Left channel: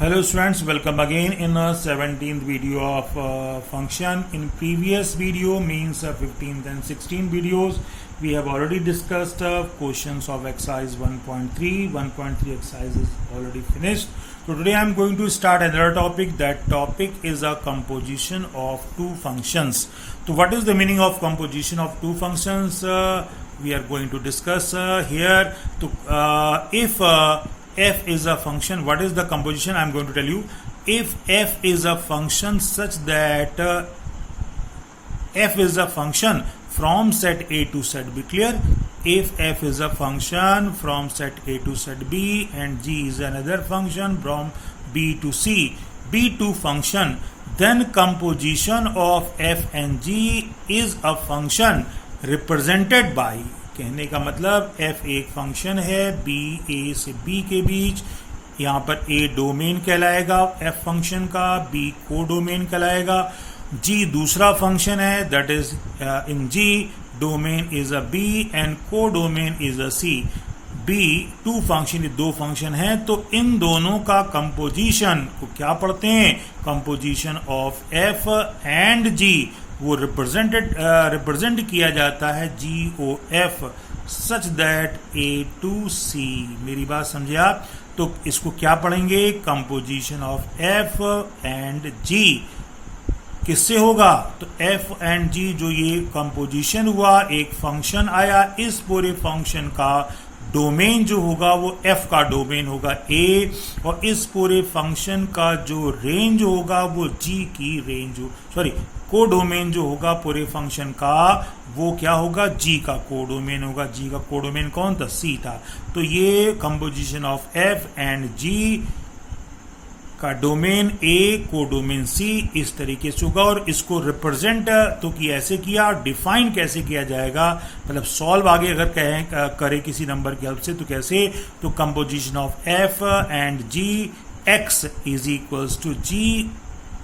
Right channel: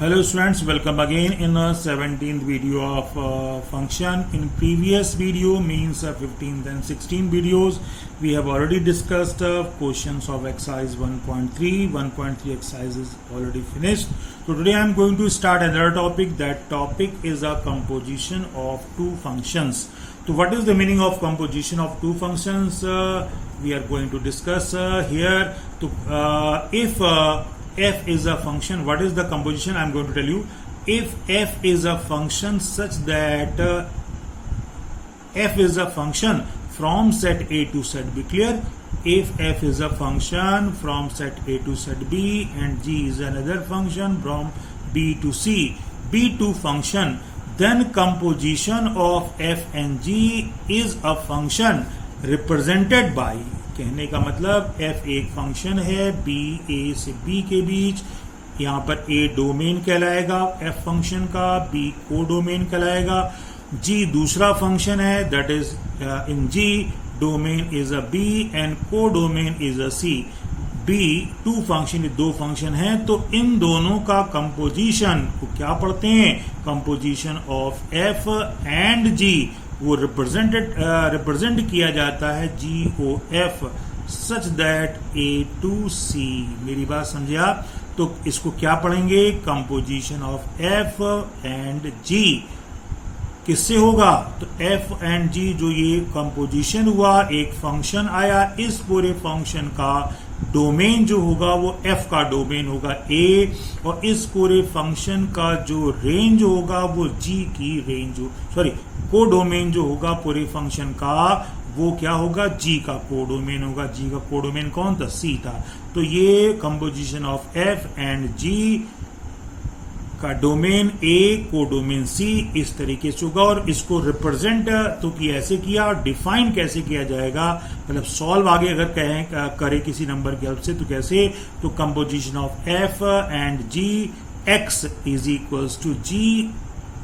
Hello students, welcome again in the 17th video of function. In previous video means 15th and 16th videos, we have already discussed questions of exercise 1.3. 1.3 exercise is already finished. So today I am going to start another topic. That topic is a composition of two functions. So what is the meaning of composition of two functions? We are going to discuss here. So if f is a function, what is the composition? I am going to tell you. If f is a function such that f is a function from set A to set B, clear? If f is a function from set A to set B and g is another function from B to C, B2 function, then composition of f and g is a function represented by, कहने का मतलब f एक function है b a से b के बीच, यहाँ पर a domain कहलाएगा f फंक्शन का, b को डोमेन कहलाएगा, g दूसरा फंक्शन है, that is in g domain is a b and codomain is a c. b two function, दो फंक्शन है, तो इन दोनों का कंपोजिशन को क्या पढ़ते हैं? Composition of f and g वो रिप्रेजेंट किया जाता है GOF such that A to C. मेरी बात समझे आप? तो इसको क्या पढ़ेंगे? Composition of F and G किससे होगा? तो F एंड G जो ये कंपोजिशन हुआ, एक फंक्शन आया, इस पूरे फंक्शन का डोमेन जो होगा वो f का डोमेन होगा A, और इस पूरे फंक्शन का जो रेंज होगा वो g की रेंज को डोमेन जो होगा पूरे फंक्शन का वो क्या होगा? g का को डोमेन होगा. g का को डोमेन कौन था? c था. तो ये composition of f and g का डोमेन A, को डोमेन C इस तरीके से होगा. और इसको रिप्रेजेंट तो कि ऐसे किया, डिफाइन कैसे किया जाएगा, मतलब सॉल्व आगे अगर कहें करे किसी नंबर की हेल्प से तो कैसे? तो composition of f and g x is equals to g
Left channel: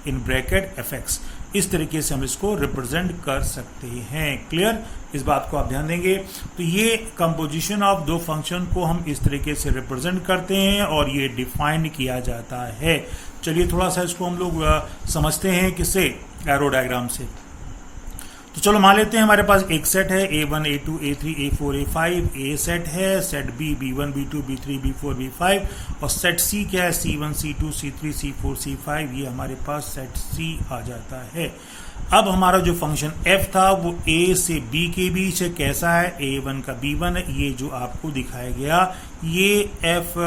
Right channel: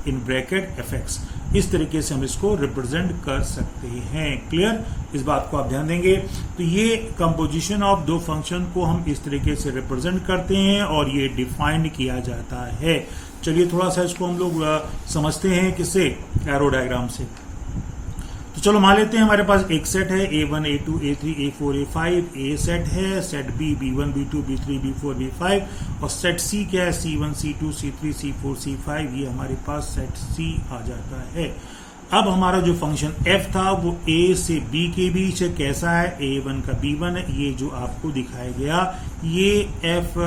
in bracket fx. इस तरीके से हम इसको रिप्रेजेंट कर सकते हैं. क्लियर? इस बात को आप ध्यान देंगे. तो ये कंपोजिशन ऑफ दो फंक्शन को हम इस तरीके से रिप्रेजेंट करते हैं और ये डिफाइन किया जाता है. चलिए थोड़ा सा इसको हम लोग समझते हैं किससे? एरो डायग्राम से. तो चलो मान लेते हैं हमारे पास एक सेट है A1 A2 A3 A4 A5. A set है, set B B1 B2 B3 B4 B5, और सेट C क्या है? C1 C2 C3 C4 C5. ये हमारे पास सेट C आ जाता है. अब हमारा जो फंक्शन f था वो A से B के बीच है. कैसा है? A1 का B1 है. ये जो आपको दिखाया गया ये f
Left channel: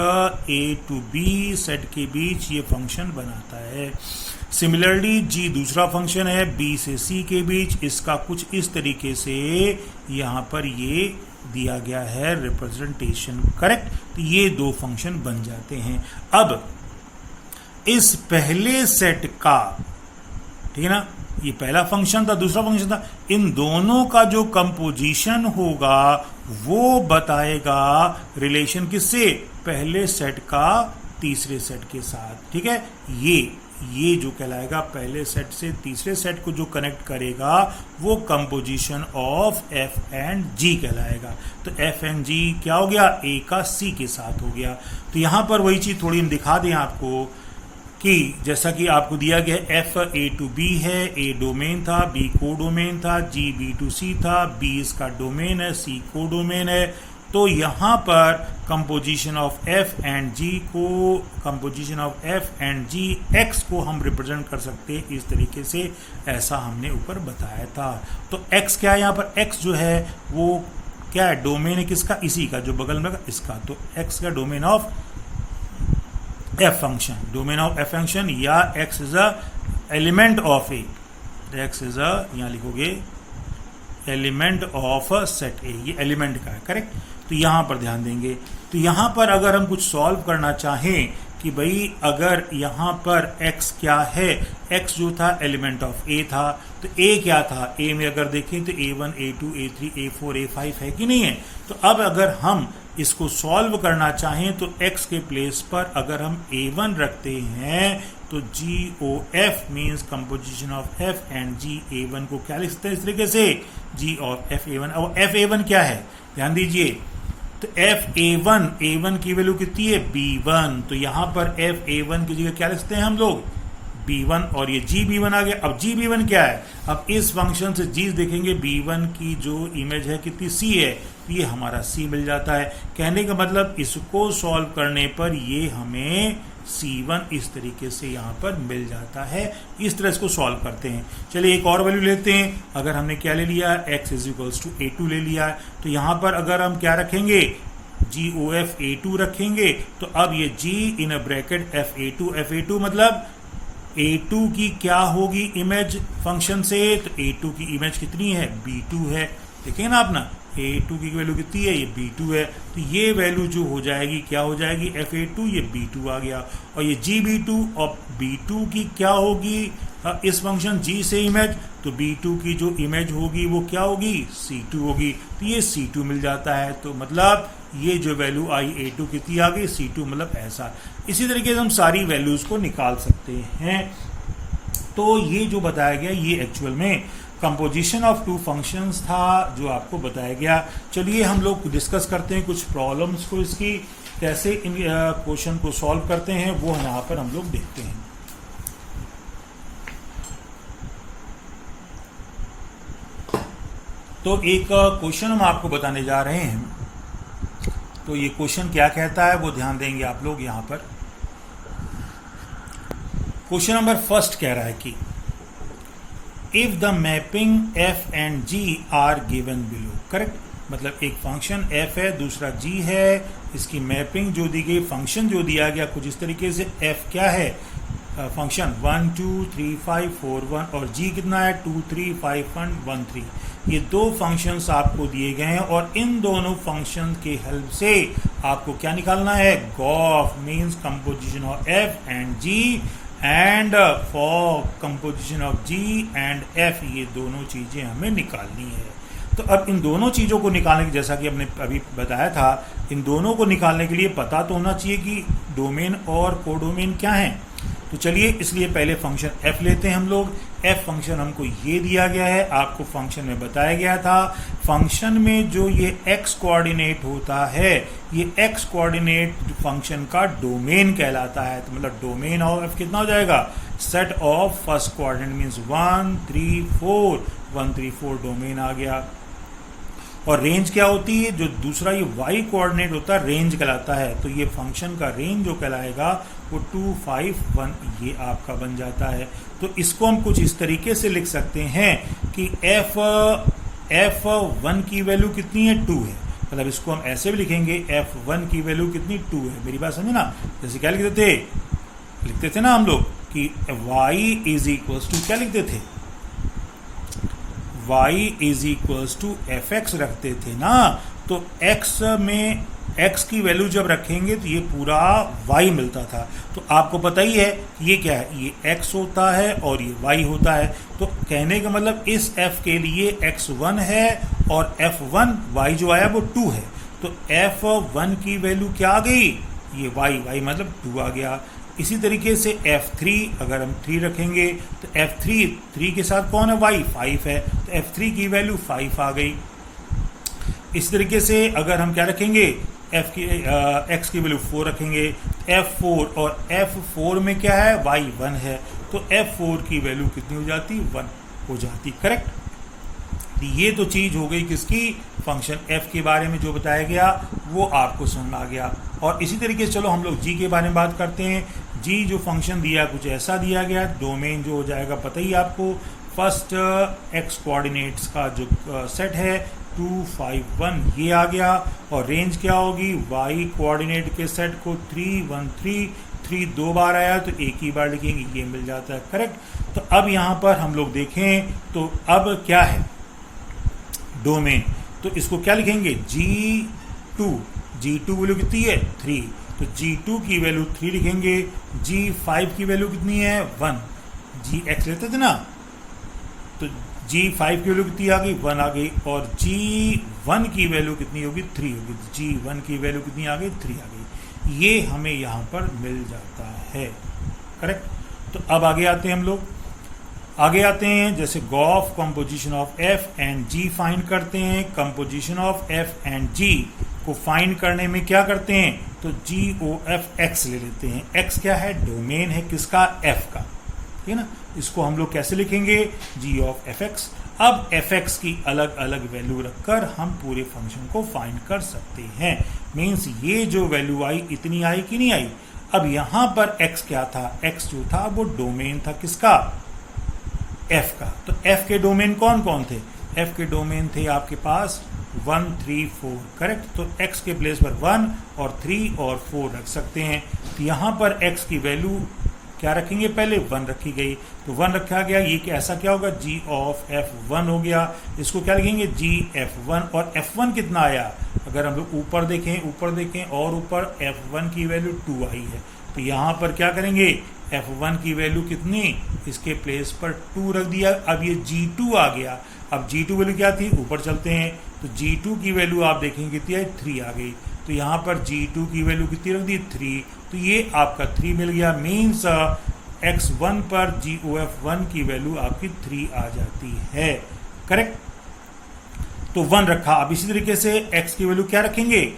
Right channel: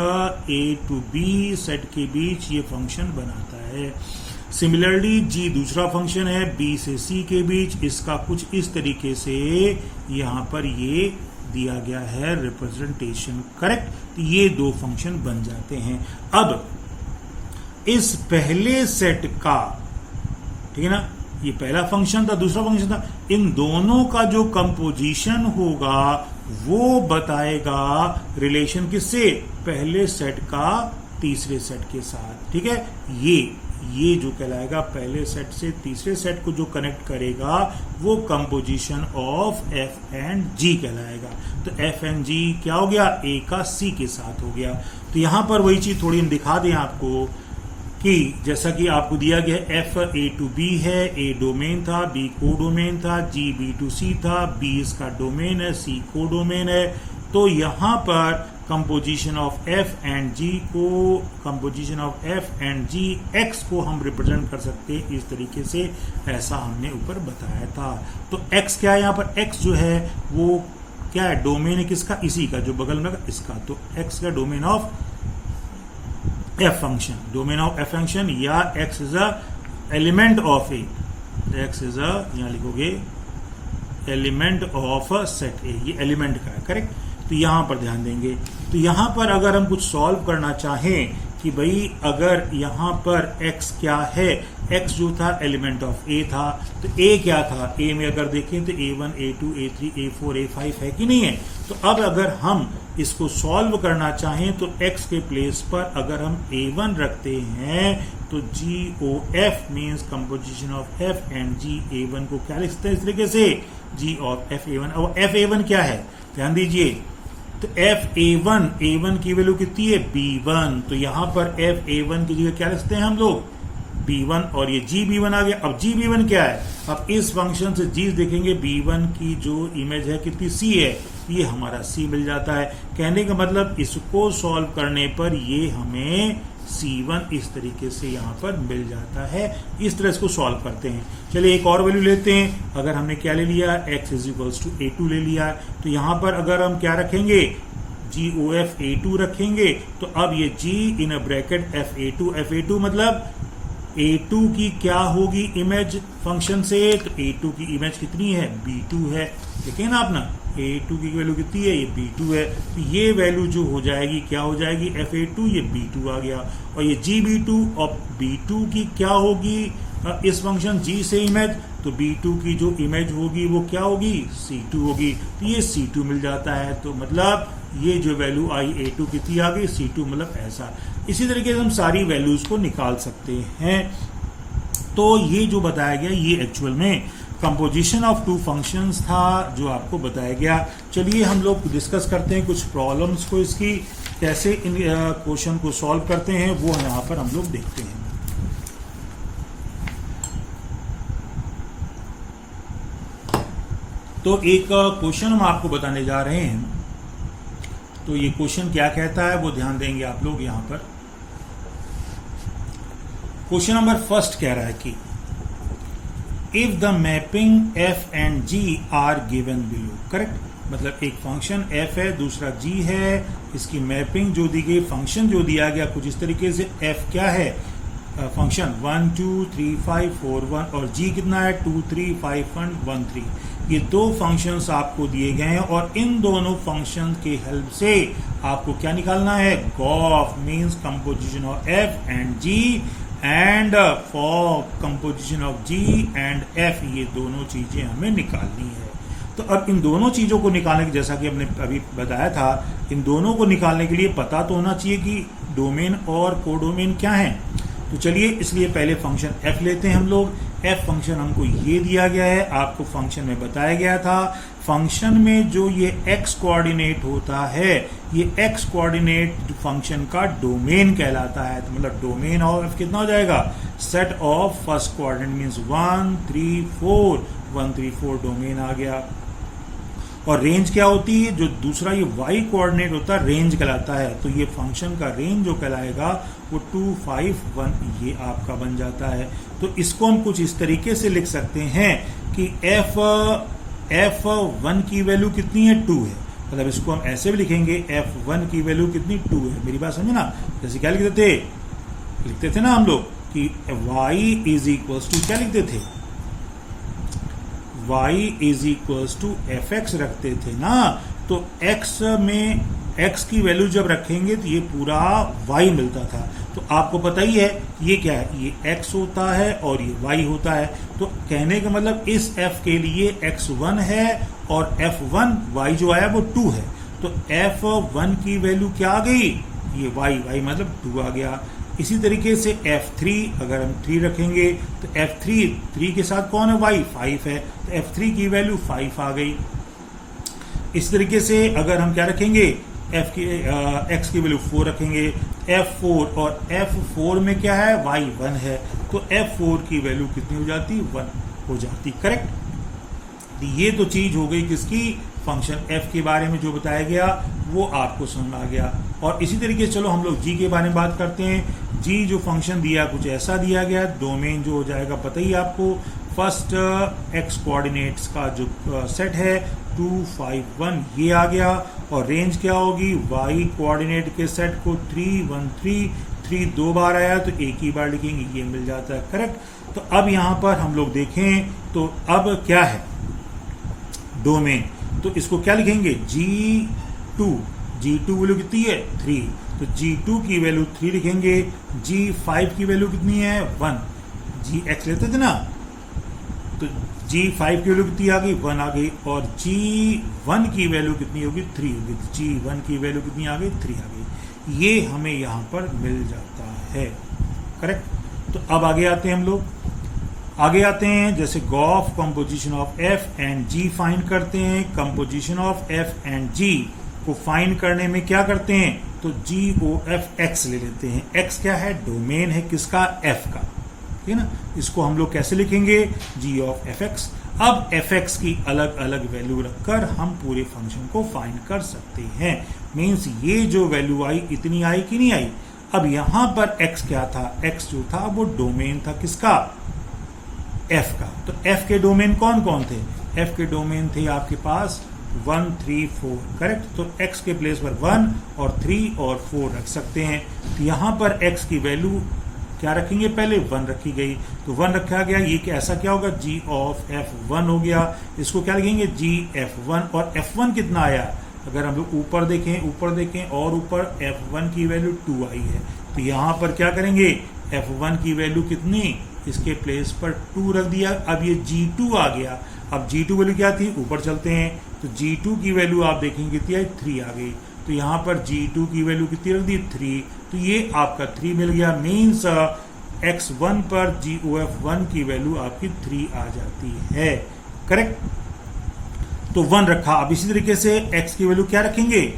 A to B set के बीच ये फंक्शन बनाता है. सिमिलरली g दूसरा फंक्शन है B से C के बीच, इसका कुछ इस तरीके से यहां पर ये दिया गया है रिप्रेजेंटेशन. करेक्ट? तो ये दो फंक्शन बन जाते हैं. अब इस पहले सेट का, ठीक है ना, ये पहला फंक्शन था, दूसरा फंक्शन था, इन दोनों का जो कंपोजिशन होगा वो बताएगा रिलेशन किससे? पहले सेट का तीसरे सेट के साथ. ठीक है? ये जो कहलाएगा पहले सेट से तीसरे सेट को जो कनेक्ट करेगा वो composition of f and g कहलाएगा. तो f एंड g क्या हो गया? A का C के साथ हो गया. तो यहां पर वही चीज थोड़ी हम दिखा दें आपको कि जैसा कि आपको दिया गया f A to B है, A डोमेन था, B को डोमेन था, g B to C था, B इसका डोमेन है, C को डोमेन है. तो यहां पर composition of f and g को, composition of f and g x को हम रिप्रेजेंट कर सकते हैं इस तरीके से, ऐसा हमने ऊपर बताया था. तो x क्या है? यहाँ पर x जो है वो क्या है? डोमेन है किसका? इसी का, जो बगल में इसका. तो x का domain of f function, domain of f function, या x is a element of A. x is a, यहां लिखोगे एलिमेंट ऑफ सेट ए, ये एलिमेंट का है. करेक्ट? तो यहां पर ध्यान देंगे. तो यहां पर अगर हम कुछ सॉल्व करना चाहें कि भाई अगर यहां पर x क्या है, x जो था एलिमेंट ऑफ a था, तो a क्या था? a में अगर देखें तो A1 A2 A3 A4 A5 है कि नहीं है? तो अब अगर हम इसको सॉल्व करना चाहें तो x के प्लेस पर अगर हम A1 रखते हैं तो GOF means composition of f and g A1 को क्या लिखते हैं इस तरीके से? G of f A1. अब f A1 क्या है? ध्यान दीजिए, तो fa1 की वैल्यू कितनी है b1, तो यहां पर fa1 की जगह क्या लिखते हैं हम लोग b1 और ये gb1 आ गया। अब gb1 क्या है, अब इस फंक्शन से g देखेंगे b1 की जो इमेज है कितनी c है, ये हमारा c मिल जाता है। कहने का मतलब इसको सॉल्व करने पर ये हमें c1 इस तरीके से यहां पर मिल जाता है। इस तरह इसको सॉल्व करते हैं। चलिए एक और वैल्यू लेते हैं। अगर हमने क्या ले लिया, x = a2 ले लिया, तो यहां पर अगर हम क्या रखेंगे GOF a2 रखेंगे, तो अब ये g इन ब्रैकेट fa2 मतलब a2 की क्या होगी इमेज फंक्शन से, तो a2 की इमेज कितनी है b2 है। देखेंगे ना अपना a2 की वैल्यू कितनी है, ये b2 है। तो ये वैल्यू जो हो जाएगी क्या हो जाएगी fa2, ये b2 आ गया। और ये gb2 और b2 की क्या होगी इस फंक्शन g से इमेज, तो b2 की जो इमेज होगी वो क्या होगी c2 होगी, तो ये c2 मिल जाता है। तो मतलब ये जो वैल्यू आई a2 कितनी आ गई c2, मतलब ऐसा। इसी तरीके से हम सारी वैल्यूज को निकाल सकते हैं। तो ये जो बताया गया ये एक्चुअल में कंपोजिशन ऑफ टू फंक्शंस था जो आपको बताया गया। चलिए हम लोग डिस्कस करते हैं कुछ प्रॉब्लम्स को, इसकी कैसे इन क्वेश्चन को सॉल्व करते हैं वो यहाँ पर हम लोग देखते हैं। तो एक क्वेश्चन हम आपको बताने जा रहे हैं। तो ये क्वेश्चन क्या कहता है वो ध्यान देंगे आप लोग यहाँ पर। क्वेश्चन नंबर फर्स्ट कह रहा है कि if the mapping f and g are given below, correct. मतलब एक फंक्शन f है, दूसरा g है, इसकी मैपिंग जो दी गई, फंक्शन जो दिया गया कुछ इस तरीके से, f क्या है फंक्शन 1 2 3 5 4 1 और g कितना है 2 3 5 1 3। ये दो फंक्शंस आपको दिए गए हैं और इन दोनों फंक्शन के हेल्प से आपको क्या निकालना है, g o f means composition of f and g and for composition of g and f, ये दोनों चीजें हमें निकालनी है। तो अब इन दोनों चीजों को निकालने की, जैसा कि हमने अभी बताया था, इन दोनों को निकालने के लिए पता तो होना चाहिए कि डोमेन और कोडोमेन क्या है। तो चलिए इसलिए पहले फंक्शन f लेते हैं हम लोग। f फंक्शन हमको ये दिया गया है, आपको फंक्शन में बताया गया था। फंक्शन में जो ये x कोऑर्डिनेट होता है, ये x कोऑर्डिनेट फंक्शन का डोमेन कहलाता है। तो मतलब डोमेन ऑफ f कितना हो जाएगा, set of first coordinate means 1 3 4, 1 3 4 domain आ गया। और रेंज क्या होती है, जो दूसरा ये y कोऑर्डिनेट होता है रेंज कहलाता है। तो ये फंक्शन का रेंज जो कहलाएगा वो 2 5 1 ये आपका बन जाता है। तो इसको हम कुछ इस तरीके से लिख सकते हैं कि f1 की वैल्यू कितनी है 2 है। मतलब इसको हम ऐसे भी लिखेंगे f1 की वैल्यू कितनी 2 है। मेरी बात समझे ना, जैसे क्या लिखते थे ना हम लोग कि y इज इक्वल्स टू, क्या लिखते थे, y is equals to fx रखते थे ना। तो x में x की वैल्यू जब रखेंगे तो ये पूरा y मिलता था। तो आपको पता ही है ये क्या है, ये x होता है और ये y होता है। तो कहने का मतलब इस f के लिए x1 है और f1 y जो आया वो 2 है। तो f1 की वैल्यू क्या आ गई, ये y मतलब 2 आ गया। इसी तरीके से f3 अगर हम 3 रखेंगे तो f3 के साथ कौन है, y 5 है, तो f3 की वैल्यू 5 आ गई। इस तरीके से अगर हम क्या रखेंगे, x की वैल्यू 4 रखेंगे, f4 और f4 में क्या है, y 1 है, तो f4 की वैल्यू कितनी हो जाती, 1 हो जाती, करेक्ट। ये तो चीज हो गई किसकी, फंक्शन f के बारे में जो बताया गया वो आपको समझ आ गया। और इसी तरीके से चलो हम लोग g के बारे में बात करते हैं। g जो फंक्शन दिया कुछ ऐसा दिया गया, डोमेन जो हो जाएगा पता ही आपको, फर्स्ट x कोऑर्डिनेट्स का जो सेट है 2 5 1 ये आ गया। और रेंज क्या होगी, y कोऑर्डिनेट के सेट को 3 1 3 2 बार आया तो एक ही बार लिखेंगे, ये मिल जाता है, करेक्ट। तो अब यहां पर हम लोग देखें तो अब क्या है डोमेन, तो इसको क्या लिखेंगे, G2 वैल्यू कितनी है 3, तो G2 की वैल्यू 3 लिखेंगे। G5 की वैल्यू कितनी है 1, Gx लेते थे ना, तो G5 की वैल्यू कितनी आ गई 1 आ गई। और G1 की वैल्यू कितनी होगी 3 होगी, तो G1 की वैल्यू कितनी आ गई 3 आ गई। ये हमें यहां पर मिल जाता है, करेक्ट। तो अब आगे आते हैं हम लोग, आगे आते हैं जैसे g o f composition of f and g find करते हैं। Composition of f and g को फाइंड करने में क्या करते हैं, तो GOF X ले लेते हैं। X क्या है, डोमेन है किसका, F का, ठीक है ना। इसको हम लोग कैसे लिखेंगे, G of FX। अब fx की अलग अलग वैल्यू रखकर हम पूरे फंक्शन को फाइंड कर सकते हैं। मीन्स ये जो वैल्यू आई इतनी आई कि नहीं आई। अब यहां पर x क्या था, x जो था वो डोमेन था किसका, f का। तो f के डोमेन कौन कौन थे, f के डोमेन थे आपके पास 1 3 4, करेक्ट। तो x के प्लेस पर 1 और 3 और 4 रख सकते हैं। तो यहां पर x की वैल्यू क्या रखेंगे, पहले 1 रखी गई, तो 1 रखा गया। ये ऐसा क्या होगा, G of F1 हो गया। इसको क्या लिखेंगे, GF1। और F1 कितना आया, अगर हम लोग ऊपर देखें और ऊपर F1 की वैल्यू 2 आई है। तो यहां पर क्या करेंगे, F1 की वैल्यू कितनी, इसके प्लेस पर 2 रख दिया। अब ये G2 आ गया। अब G2 वैल्यू क्या थी, ऊपर चलते हैं, तो G2 की वैल्यू आप देखेंगे कितनी आई, 3 आ गई। तो यहां पर G2 की वैल्यू कितनी रख दी, 3। तो ये आपका 3 मिल गया। मीन्स X1 पर GOF1 की वैल्यू आपकी 3 आ जाती है, करेक्ट। तो 1 रखा। अब इसी तरीके से X की वैल्यू क्या रखेंगे,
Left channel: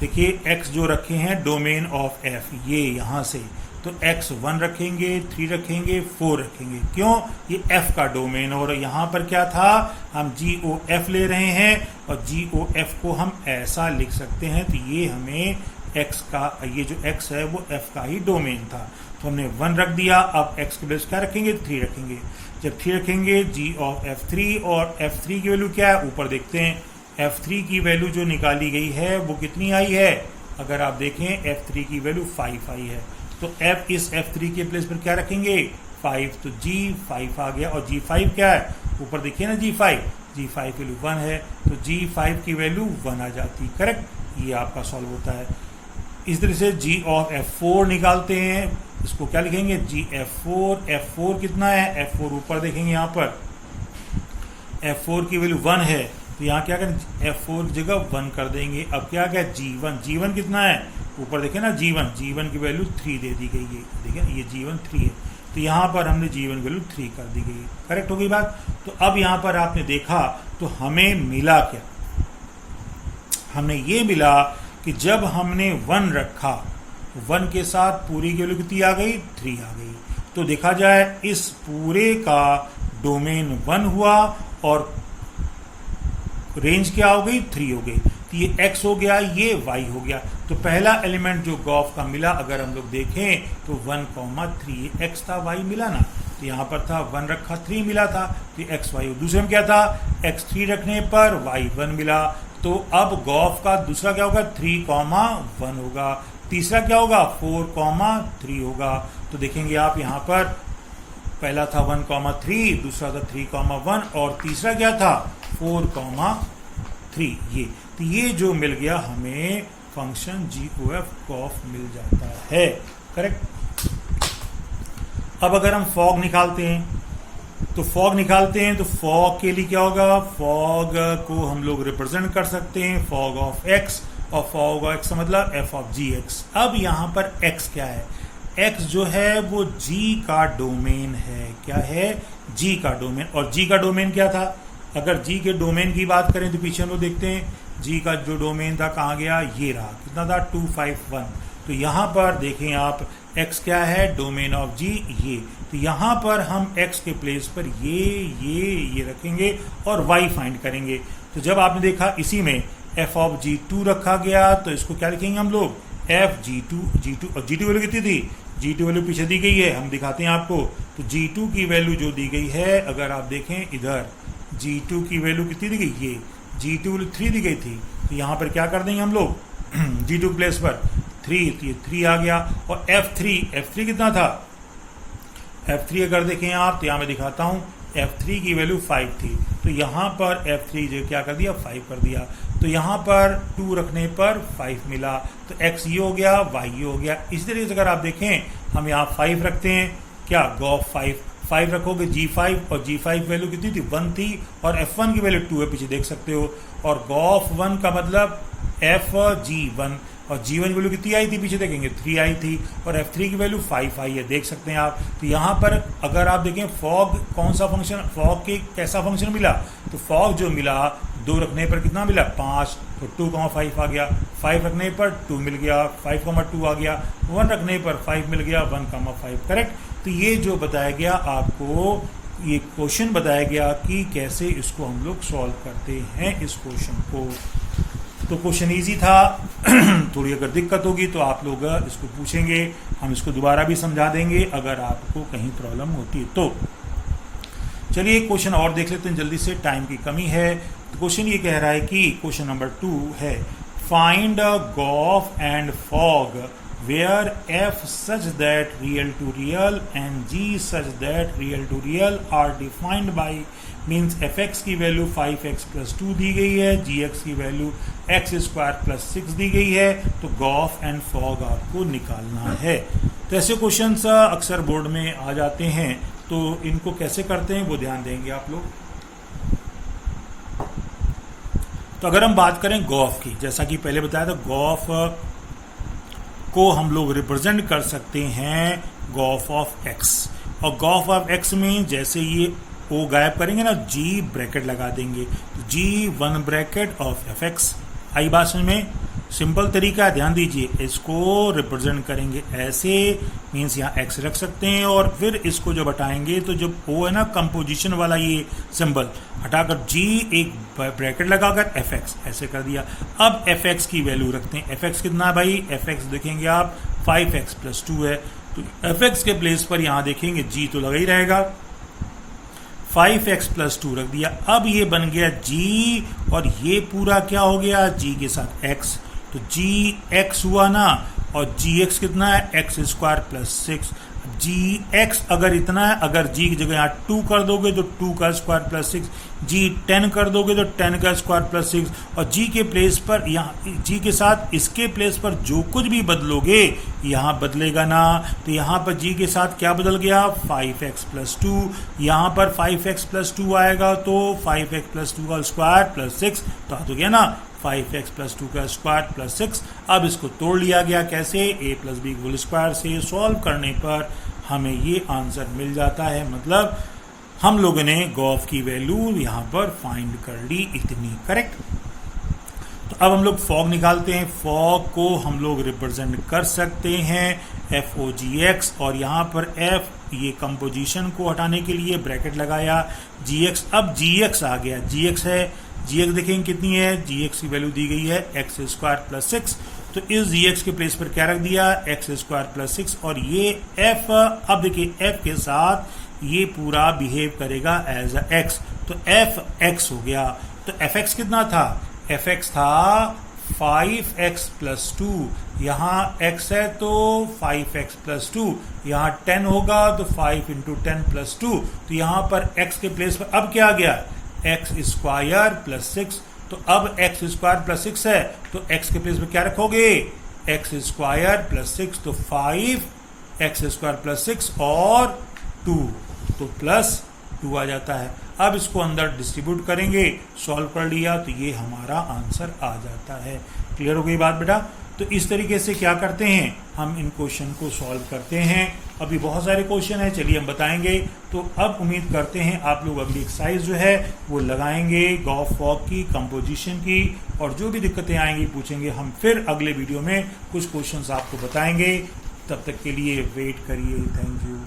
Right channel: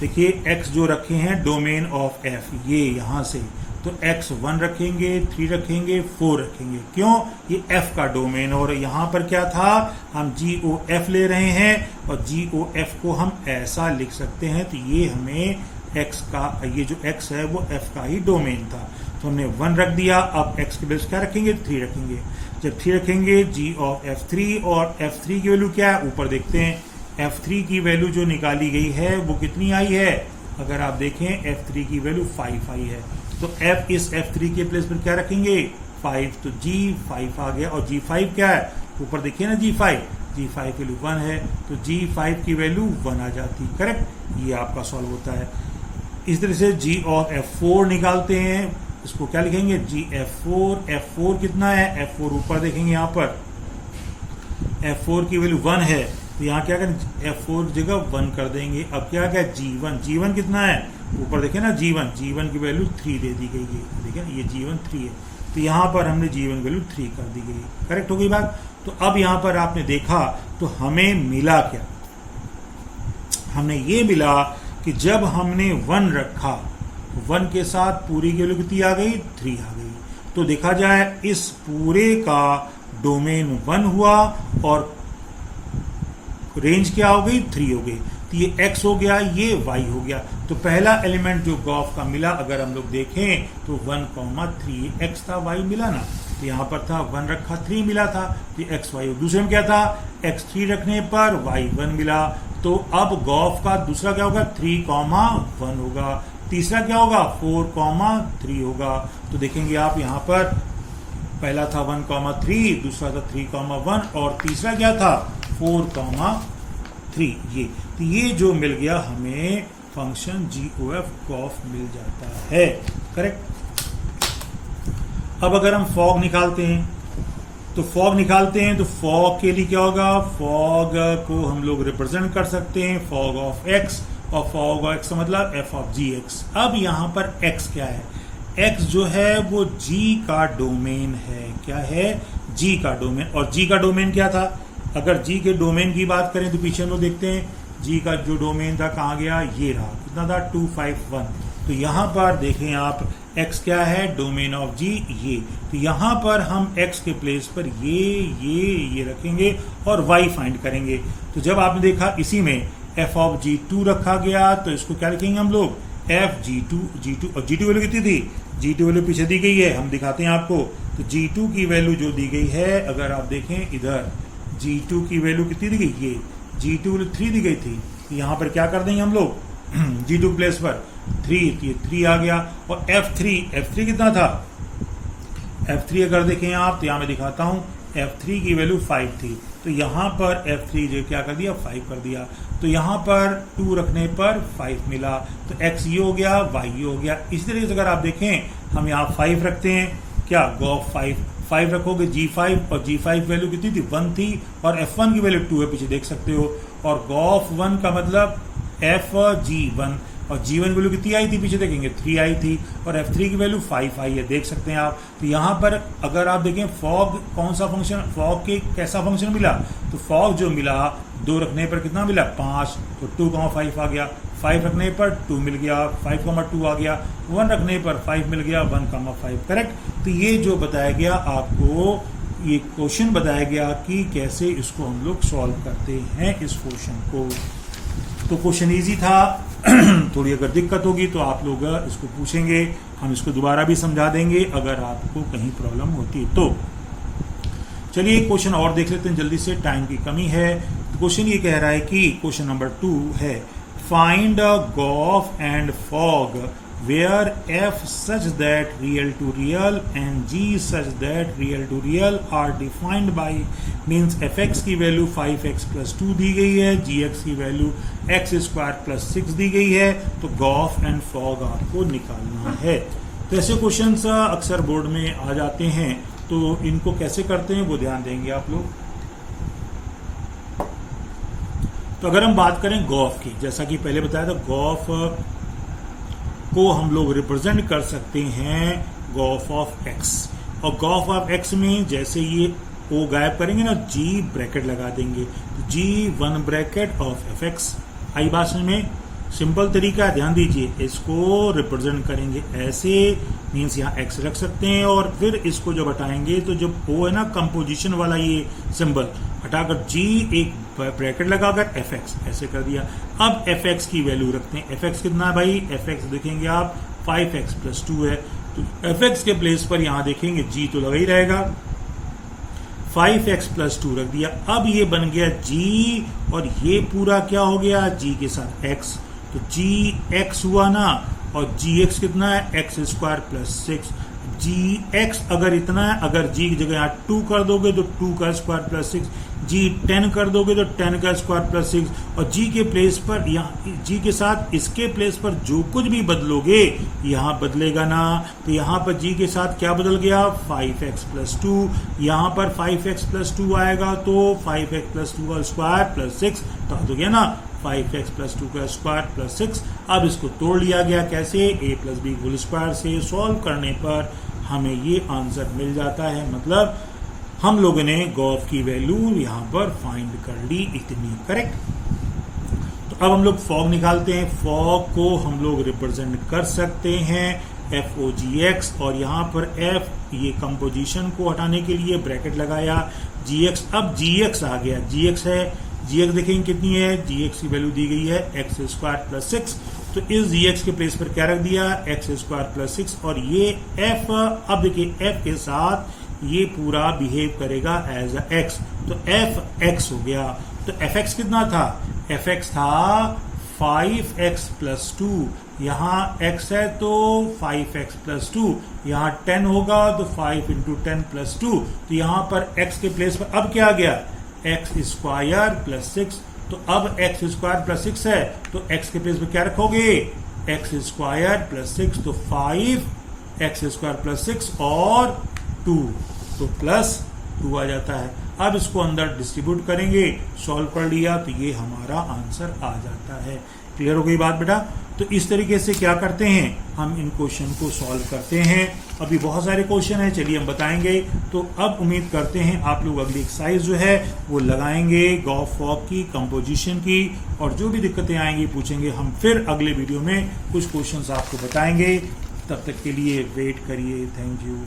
देखिए X जो रखे हैं डोमेन ऑफ F, ये यहां से, तो X1 रखेंगे, 3 रखेंगे, 4 रखेंगे। क्यों, ये F का डोमेन। और यहां पर क्या था, हम GOF ले रहे हैं और GOF को हम ऐसा लिख सकते हैं। तो ये हमें X का, ये जो X है वो F का ही डोमेन था, तो हमने 1 रख दिया। अब X के प्लेस क्या रखेंगे, 3 रखेंगे। जब 3 रखेंगे, G of F3, और F3 की वैल्यू क्या है, ऊपर देखते हैं। F3 की वैल्यू जो निकाली गई है वो कितनी आई है, अगर आप देखें F3 की वैल्यू 5 आई है। तो इस F3 के प्लेस पर क्या रखेंगे, 5। तो G5 आ गया। और G5 क्या है, ऊपर देखिए ना, G5 वैल्यू 1 है, तो G5 की वैल्यू 1 आ जाती, करेक्ट। ये आपका सॉल्व होता है। इस तरह से G of F4 निकालते हैं। इसको क्या लिखेंगे, GF4। F4 कितना है, F4 ऊपर देखेंगे, यहां पर F4 की वैल्यू 1 है, तो यहां क्या करें, F4 की जगह 1 कर देंगे। अब क्या गया, G1 कितना है, ऊपर देखें ना, G1 की वैल्यू 3 दे दी गई है, देखिए ना, ये G1 3 है, तो यहां पर हमने G1 वैल्यू 3 कर दी गई, करेक्ट हो गई बात। तो अब यहां पर आपने देखा तो हमें मिला क्या, हमने ये मिला कि जब हमने 1 रखा, 1 के साथ पूरी की वैल्यू कितनी आ गई, 3 आ गई। तो देखा जाए इस पूरे का डोमेन 1 हुआ और रेंज क्या हो गई, 3 हो गई। तो ये X हो गया, ये Y हो गया। तो पहला एलिमेंट जो गॉफ का मिला, अगर हम लोग देखें तो 1,3 X था, Y मिला ना। तो यहां पर था 1 रखा, 3 मिला था, तो X Y। दूसरे में क्या था, X3 रखने पर Y1 मिला। तो अब गॉफ का दूसरा क्या होगा, 3,1 होगा। तीसरा क्या होगा, 4,3 होगा। तो देखेंगे आप यहां पर पहला था 1,3, दूसरा था 3,1 और तीसरा क्या था 4,3। ये जो मिल गया हमें फंक्शन GOF गॉफ मिल जाता है, करेक्ट। अब अगर हम फॉग निकालते हैं तो फॉग के लिए क्या होगा, फॉग को हम लोग रिप्रेजेंट कर सकते हैं फॉग ऑफ X, और फॉग ऑफ X मतलब F ऑफ GX। अब यहां पर X क्या है, X जो है वो G का डोमेन है। क्या है, G का डोमेन। और G का डोमेन क्या था, अगर G के डोमेन की बात करें तो पीछे हम लोग देखते हैं G का जो डोमेन था कहां गया, ये रहा, कितना था 251। तो यहां पर देखें आप X क्या है, डोमेन ऑफ G ये। तो यहां पर हम X के प्लेस पर ये रखेंगे और Y फाइंड करेंगे। तो जब आपने देखा इसी में F ऑफ G2 रखा गया, तो इसको क्या लिखेंगे हम लोग, F G2 और G2 वैल्यू कितनी थी, G2 वैल्यू पीछे दी गई है, हम दिखाते हैं आपको। तो G2 की वैल्यू जो दी गई है, अगर आप देखें इधर G2 की वैल्यू कितनी दी गई, ये G2 वैल्यू 3 दी गई थी। तो यहां पर क्या कर देंगे हम लोग G2 प्लेस पर 3, तो ये 3 आ गया। और F3 कितना था, F3 अगर देखें आप तो यहां मैं दिखाता हूं, F3 की वैल्यू 5 थी। तो यहां पर F3 जो क्या कर दिया, 5 कर दिया। तो यहां पर 2 रखने पर 5 मिला। तो X ये हो गया, Y ये हो गया। इसी तरीके से अगर आप देखें, हम यहाँ 5 रखते हैं, क्या गॉफ 5 रखोगे G5, और G5 वैल्यू कितनी थी, 1 थी, और F1 की वैल्यू 2 है, पीछे देख सकते हो। और गॉफ 1 का मतलब FG1, और G1 वैल्यू कितनी आई थी, पीछे देखेंगे 3 आई थी, और F3 की वैल्यू 5 आई है, देख सकते हैं आप। तो यहां पर अगर आप देखें फॉग कौन सा फंक्शन, फॉग के कैसा फंक्शन मिला, तो फॉग जो मिला 2 रखने पर कितना मिला, 5, तो 2,5 आ गया। 5 रखने पर 2 मिल गया, 5,2 आ गया, 1 रखने पर 5 मिल गया, 1,5 करेक्ट। तो ये जो बताया गया आपको, ये क्वेश्चन बताया गया कि कैसे इसको हम लोग सॉल्व करते हैं इस क्वेश्चन को। तो क्वेश्चन इजी था। थोड़ी अगर दिक्कत होगी तो आप लोग इसको पूछेंगे, हम इसको दोबारा भी समझा देंगे अगर आपको कहीं प्रॉब्लम होती है तो। चलिए एक क्वेश्चन और देख लेते हैं जल्दी से, टाइम की कमी है। तो क्वेश्चन ये कह रहा है कि क्वेश्चन नंबर 2 है, find g o f and f o g where f such that real to real and g such that real to real are defined by, means fx की वैल्यू 5x plus 2 दी गई है, gx की वैल्यू x स्क्वायर प्लस 6 दी गई है, तो Gauff and fog आपको निकालना है। तो ऐसे क्वेश्चंस अक्सर बोर्ड में आ जाते हैं, तो इनको कैसे करते हैं वो ध्यान देंगे आप लोग। तो अगर हम बात करें गॉफ की, जैसा कि पहले बताया था, गॉफ को हम लोग रिप्रेजेंट कर सकते हैं गॉफ ऑफ एक्स, और गॉफ ऑफ एक्स में जैसे ये ओ गायब करेंगे ना, जी ब्रैकेट लगा देंगे, तो जी 1 ब्रैकेट ऑफ एफ एक्स। आई बात में सिंपल तरीका, ध्यान दीजिए, इसको रिप्रेजेंट करेंगे ऐसे, मीन्स यहाँ एक्स रख सकते हैं, और फिर इसको जब हटाएंगे तो जो ओ है ना कंपोजिशन वाला ये सिंबल, हटाकर जी एक ब्रैकेट लगाकर एफ एक्स ऐसे कर दिया। अब एफ एक्स की वैल्यू रखते हैं, एफ एक्स कितना भाई, एफ एक्स देखेंगे आप 5x plus 2 है, तो एफ एक्स के प्लेस पर यहां देखेंगे जी तो लगा ही रहेगा, 5x plus 2 रख दिया। अब ये बन गया जी, और ये पूरा क्या हो गया, जी के साथ x, तो जी एक्स हुआ ना, और जी एक्स कितना है, एक्स स्क्वायर प्लस 6। जी एक्स अगर इतना है, अगर जी की जगह यहाँ 2 कर दोगे तो 2 का स्क्वायर प्लस 6, जी 10 कर दोगे तो 10 का स्क्वायर प्लस 6, और जी के प्लेस पर यहाँ जी के साथ इसके प्लेस पर जो कुछ भी बदलोगे यहाँ बदलेगा ना, तो यहाँ पर जी के साथ क्या बदल गया, 5x plus 2, यहाँ पर 5x plus 2 आएगा तो 5x plus 2 का स्क्वायर प्लस 6, तो आ गया ना 5x plus 2 का स्क्वायर प्लस 6। अब इसको तोड़ लिया गया कैसे, a plus b whole square से। सॉल्व करने पर हमें ये आंसर मिल जाता है, मतलब हम लोगों ने गॉफ की वैल्यू यहाँ पर फाइंड कर ली इतनी, करेक्ट। तो अब हम लोग फॉग निकालते हैं। फॉग को हम लोग रिप्रेजेंट कर सकते हैं FOGX, और यहाँ पर F ये कंपोजिशन को हटाने के लिए ब्रैकेट लगाया, GX, अब GX आ गया, GX है, GX देखेंगे कितनी है, GX की वैल्यू दी गई है x स्क्वायर प्लस 6, तो इस GX के प्लेस पर क्या रख दिया, x स्क्वायर प्लस 6, और ये F, अब देखिए F के साथ ये पूरा बिहेव करेगा एज अ x, तो fx हो गया। तो fx कितना था, fx था 5x प्लस 2, यहाँ x है तो 5x प्लस 2, यहाँ 10 होगा तो 5 इंटू 10 प्लस 2, तो यहाँ पर x के प्लेस पर अब क्या आ गया, एक्स स्क्वायर प्लस 6, तो अब एक्स स्क्वायर प्लस 6 है, तो एक्स के प्लेस पर क्या रखोगे, एक्स स्क्वायर प्लस 6, तो 5x स्क्वायर प्लस 6 और 2, तो प्लस 2 आ जाता है। अब इसको अंदर डिस्ट्रीब्यूट करेंगे, सॉल्व कर लिया तो ये हमारा आंसर आ जाता है। क्लियर हो गई बात बेटा। तो इस तरीके से क्या करते हैं, हम इन क्वेश्चन को सॉल्व करते हैं। अभी बहुत सारे क्वेश्चन हैं, चलिए हम बताएंगे। तो अब उम्मीद करते हैं आप लोग अगली एक्सरसाइज जो है वो लगाएंगे गॉफ फॉग की, कंपोजिशन की, और जो भी दिक्कतें आएंगी पूछेंगे। हम फिर अगले वीडियो में कुछ क्वेश्चंस आपको बताएंगे। तब तक के लिए वेट करिए। Thank you.